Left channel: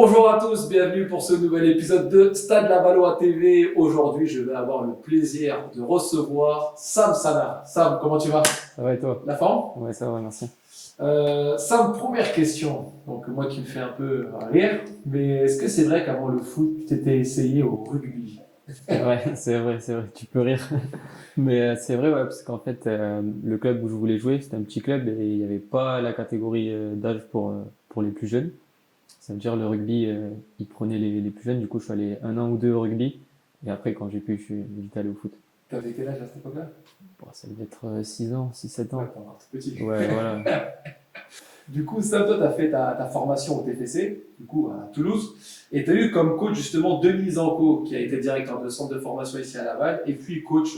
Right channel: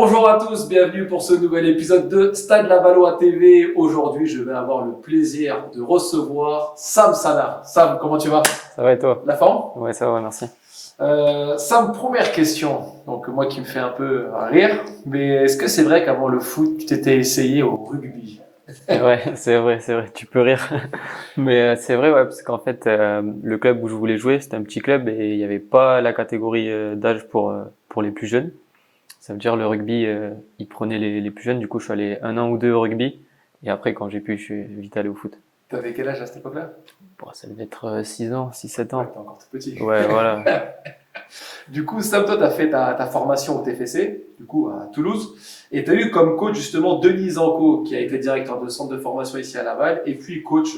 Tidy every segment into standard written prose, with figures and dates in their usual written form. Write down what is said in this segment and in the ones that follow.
Bonjour à tous, bienvenue pour ce nouvel épisode de Stade Lavallois TV. Aujourd'hui, je vais avoir le plaisir de recevoir Sam Sana. Sam, comment tu vas? Ça va et toi? La forme? Ouais, ça va, merci. Sam, première question. Donc moi qui me fais un peu rire, mais est-ce que c'est vrai qu'avant le foot, tu t'étais essayé au rugby? C'est vrai, tu peux rire. Mais c'est vrai, ouais, parce qu'en fait, le club où je voulais jouer, c'était un petit club et il n'y avait pas la catégorie d'âge pour les plus jeunes. Ça veut dire le rugby, ils prenaient les plus jeunes. Du coup, je suis allé 1 an ou 2 au rugby. Et après, quand j'ai pu, je suis vite allé au foot. T'avais quel âge à cette époque-là? Bon, ça devait être 6 ans, 6-7 Ouais, ans. t'es encore tout petit. Ouais, voilà. Du coup, Sam, toi, tu as fait ta formation au TFC, du coup, à Toulouse, et tu as eu comme coach justement Denis Zanco, qui a été directeur de centre de formation ici à Laval, et puis coach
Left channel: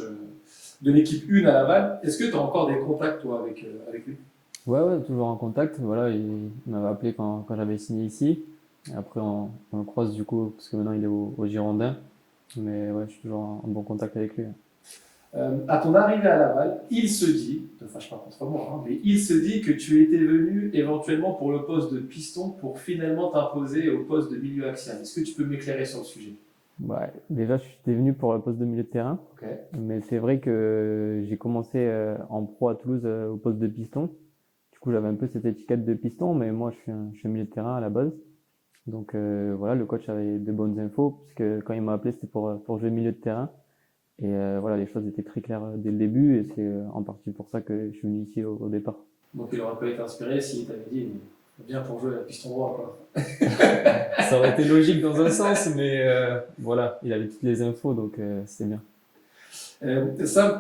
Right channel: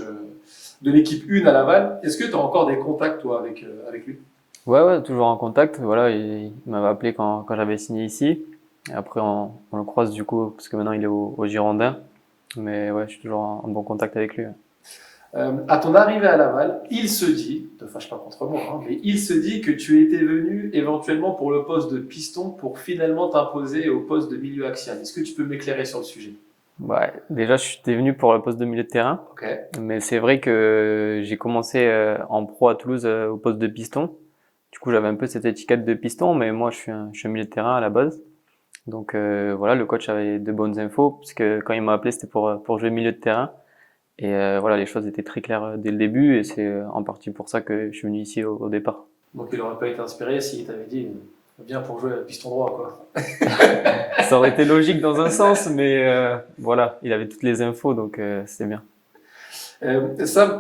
de l'équipe 1 à Laval. Est-ce que tu as encore des contacts, toi, avec lui? Ouais, toujours en contact. Voilà, il m'avait appelé quand j'avais signé ici. Et après, on le croise du coup, parce que maintenant il est au Girondin. Mais ouais, je suis toujours en bon contact avec lui. Ouais. À ton arrivée à Laval, il se dit, ne te fâche pas contre moi, hein, mais il se dit que tu étais venu éventuellement pour le poste de piston pour finalement t'imposer au poste de milieu axial. Est-ce que tu peux m'éclairer sur le sujet? Ouais, déjà, je suis venu pour le poste de milieu de terrain. Ok. Mais c'est vrai que j'ai commencé en pro à Toulouse au poste de piston. Du coup, j'avais un peu cette étiquette de piston, mais moi, je suis un milieu de terrain à la base. Donc voilà, le coach avait de bonnes infos, parce que quand il m'a appelé, c'était pour jouer milieu de terrain. Et voilà, les choses étaient très claires dès le début, et c'est en partie pour ça que je suis venu ici au départ. Donc il n'aurait pas été inspiré s'il t'avait dit viens pour jouer à piston droit, quoi. Ça aurait été logique dans un sens, mais voilà, il avait toutes les infos, donc c'était bien. Sam,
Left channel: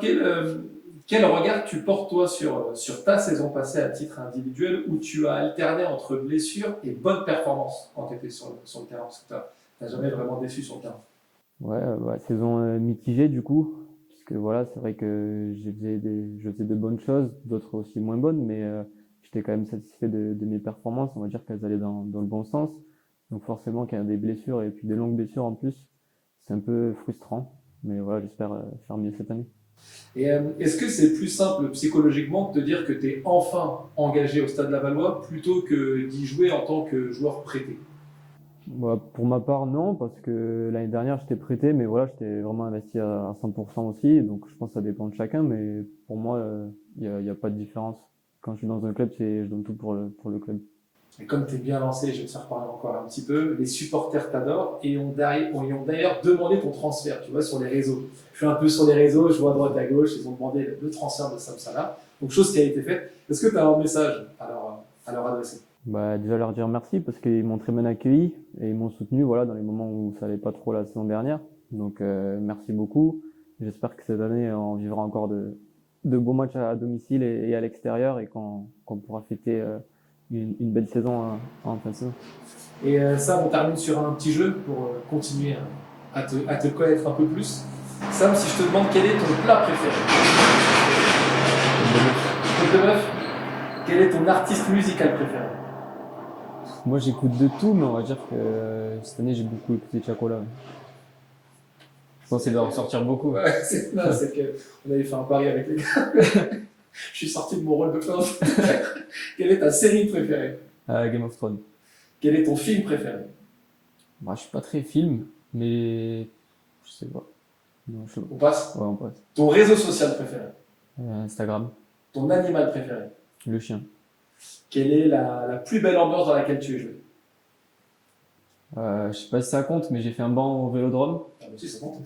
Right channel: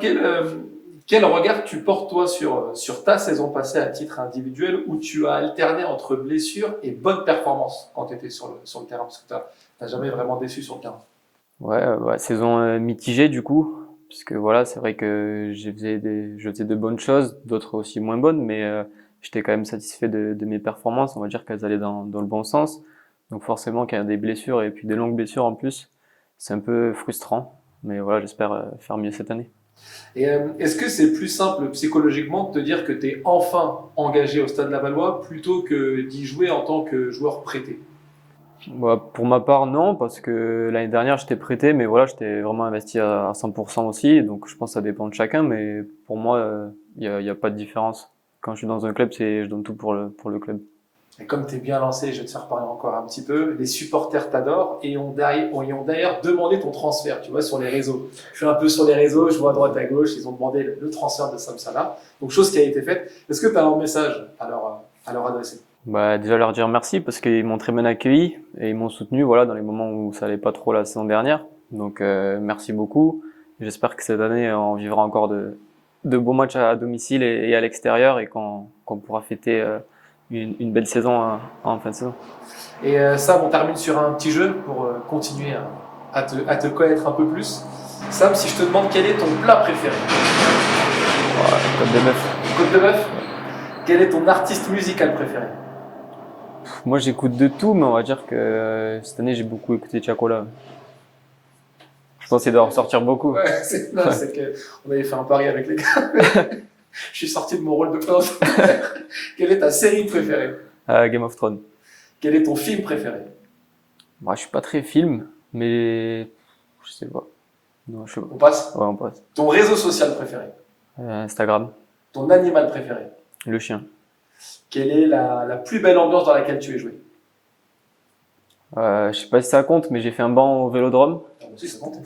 quel regard tu portes toi sur ta saison passée à titre individuel où tu as alterné entre blessures et bonnes performances quand tu étais sur le terrain? Parce que tu n'as jamais vraiment déçu sur le terrain. Ouais, saison mitigée du coup, puisque voilà, c'est vrai que je faisais de bonnes choses, d'autres aussi moins bonnes, mais j'étais quand même satisfait de mes performances. On va dire qu'elles allaient dans le bon sens. Donc forcément, quand il y a des blessures et puis des longues blessures en plus, c'est un peu frustrant. Mais voilà, j'espère faire mieux cette année. Et est-ce que c'est plus simple psychologiquement de te dire que tu es enfin engagé au Stade Lavallois plutôt que d'y jouer en tant que joueur prêté? Bah, pour ma part, non, parce que l'année dernière, j'étais prêté, mais voilà, j'étais vraiment investi à 100% aussi. Donc, je pense que ça dépend de chacun, mais pour moi, il y a pas de différence. Quand je suis dans un club, je donne tout pour le club. Et comme tu es bien lancé, je vais te faire parler encore un petit peu, les supporters t'adorent et ont d'ailleurs demandé ton transfert, tu vois, sur les réseaux. Je suis un peu sur les réseaux, je vois à droite à gauche, ils ont demandé le transfert de Sam Salah. Donc, chose qui a été faite. Est-ce que tu as un message à leur adresser? Bah, déjà leur dire merci parce qu'ils m'ont très bien accueilli et ils m'ont soutenu, voilà, dans les moments où ça allait pas trop la saison dernière. Donc, merci beaucoup. J'espère que cette année, on vivra encore de beaux matchs à domicile et à l'extérieur et qu'on pourra fêter une belle saison en fin de saison. Et Sam, on termine sur un petit jeu pour continuer à te connaître un peu plus. Sam, si je te demande quel est ton plat préféré? Comme de neuf. Côte de bœuf? Quel est ton artiste musical préféré? Moi, j'écoute de tout, mais on va dire que cette année, j'ai beaucoup écouté Tiakola. Je pense qu'il doit ressortir beaucoup. Ouais, c'est que on avait fait un pari avec les gars. Je suis sorti de mon rôle de prince. Quelle est ta série préférée? Game of Thrones. Quel est ton film préféré? Moi, je suis pas très film, mais je sais pas. Non, je sais pas. On passe. Ouais, on passe. Ton réseau social préféré? Instagram. Ton animal préféré? Le chien. Quelle est la plus belle ambiance dans laquelle tu es joué? Je sais pas si ça compte, mais j'ai fait un banc au Vélodrome. Ah, bah si, ça compte.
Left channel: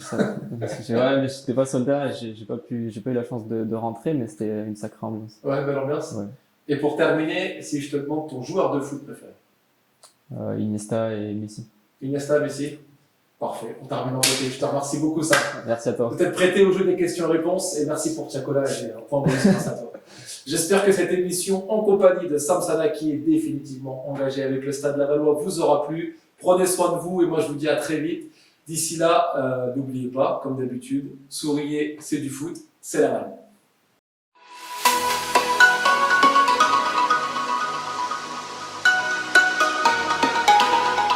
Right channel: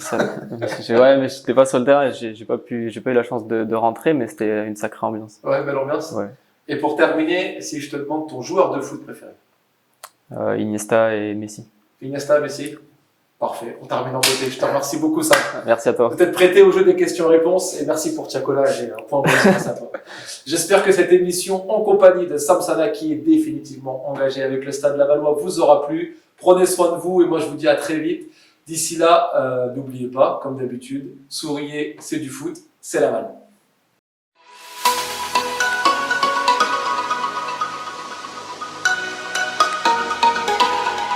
Ouais, mais j'étais pas sur le terrain, j'ai pas eu la chance de rentrer, mais c'était une sacrée ambiance. Ouais, belle ambiance. Ouais. Et pour terminer, si je te demande ton joueur de foot préféré? Iniesta et Messi. Iniesta, Messi? Parfait, on termine en beauté. Je te remercie beaucoup, ça. Merci à toi. Peut-être prêté au jeu des questions-réponses et merci pour Tiakola. J'ai un point bonus grâce à toi. J'espère que cette émission en compagnie de Sam Sana, qui est définitivement engagé avec le Stade Lavallois, vous aura plu. Prenez soin de vous et moi je vous dis à très vite. D'ici là, n'oubliez pas, comme d'habitude, souriez, c'est du foot, c'est Laval.